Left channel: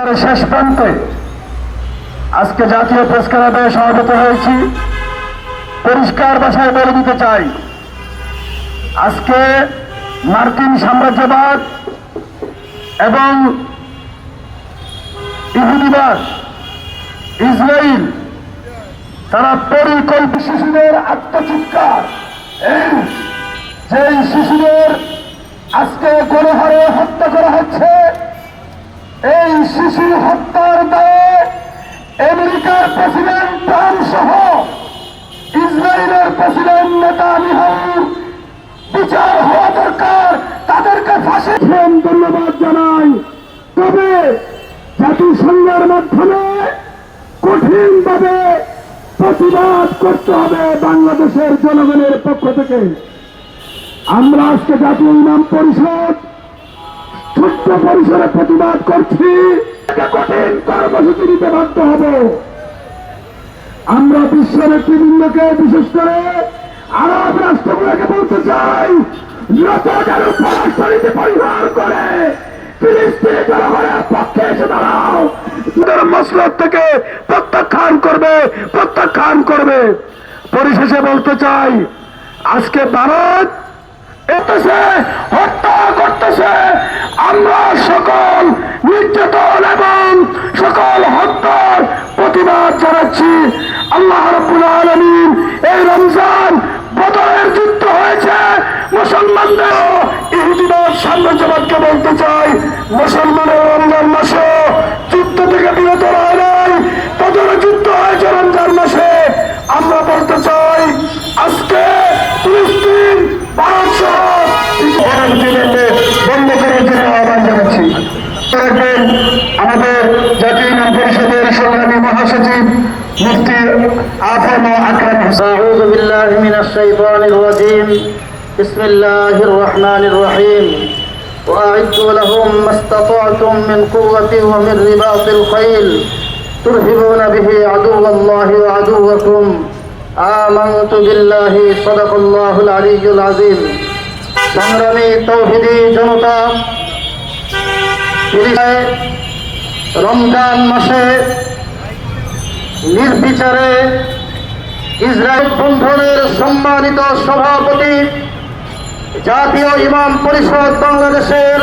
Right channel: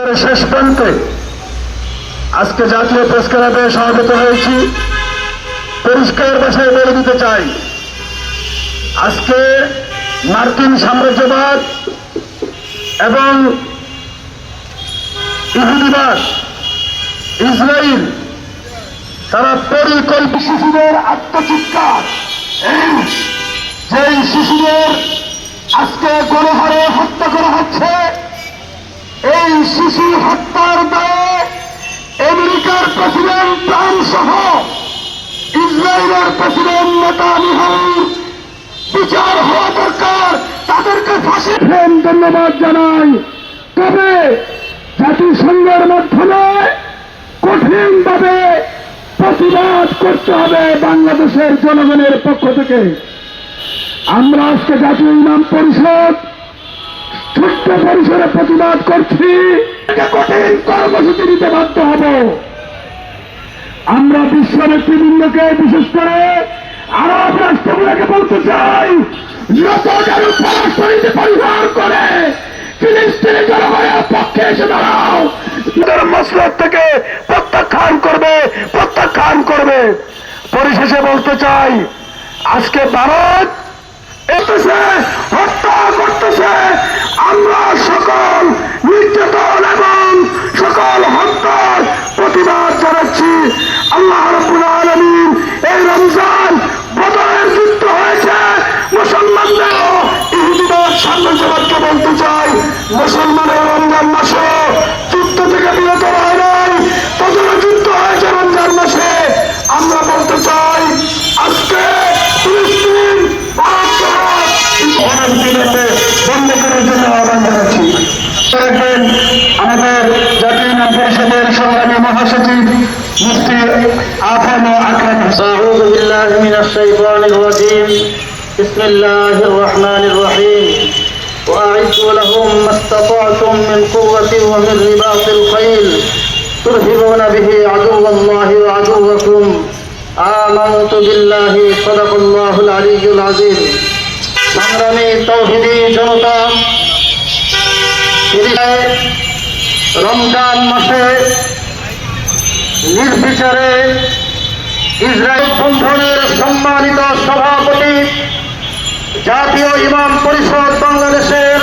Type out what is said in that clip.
একেবারে শেষ প্রান্তে আজকে জাতীয় প্রেস ক্লাবে সমাবেত হয়েছি। পরিষ্কার ভাষায় বলে দিতে চাই, আজকে মার্কিন সাম্রাজ্যবাদ এবং ইহুদিবাদ ইসরায়েল তারা পরিকল্প শিশুদের আত্মচিৎকার এই যেই শিশুদের আজকে গণহারে হত্যা করা হচ্ছে হত্যার দায়ে আমেরিকার প্রেসিডেন্ট ট্রাম্প সহ ইসরায়েলের প্রেসিডেন্ট নেতানিয়াহু বিচার হওয়া দরকার, তাদেরকে ফাঁসি ধন্যবাদ জানাই। তবে জাতিসংঘের মাধ্যমে কঠিনভাবে প্রতিবাদ করতে হবে বাংলাদেশের জনগণের পক্ষ থেকে। আমরা আজকে জাতীয় ইমাম পরিষদ, ছোট্ট পরিসরে প্রতিবাদ করছি। কঠিন কর্মসূচি বাধ্য হব। আমরা বিশ্ব নেতৃবৃন্দকে, বিশেষ করে আরব রাষ্ট্রগুলোকে বলতে চাই পরিবার করে থেকে প্রত্যাখ্যান করবে প্রত্যাখ্যান করবে। পরিশেষে বলতে চাই, আজকে ভারত করতেছে হত্যা করতেছে, আমরা সকল নির্যাতন মুফতি আফম আকরাম أعوذ بالله من الشيطان الرجيم بسم الله الرحمن الرحيم وأعدوا لهم ما استطعتم من قوة ومن رباط الخيل ترهبون به عدو الله وعدوكم آمنت بالله صدق الله العلي العظيم সংগ্রামী তৌহিদি জনতা শুরিয়ায় রমজান মাসে জাতীয় ইমাম পরিষদ বাংলাদেশের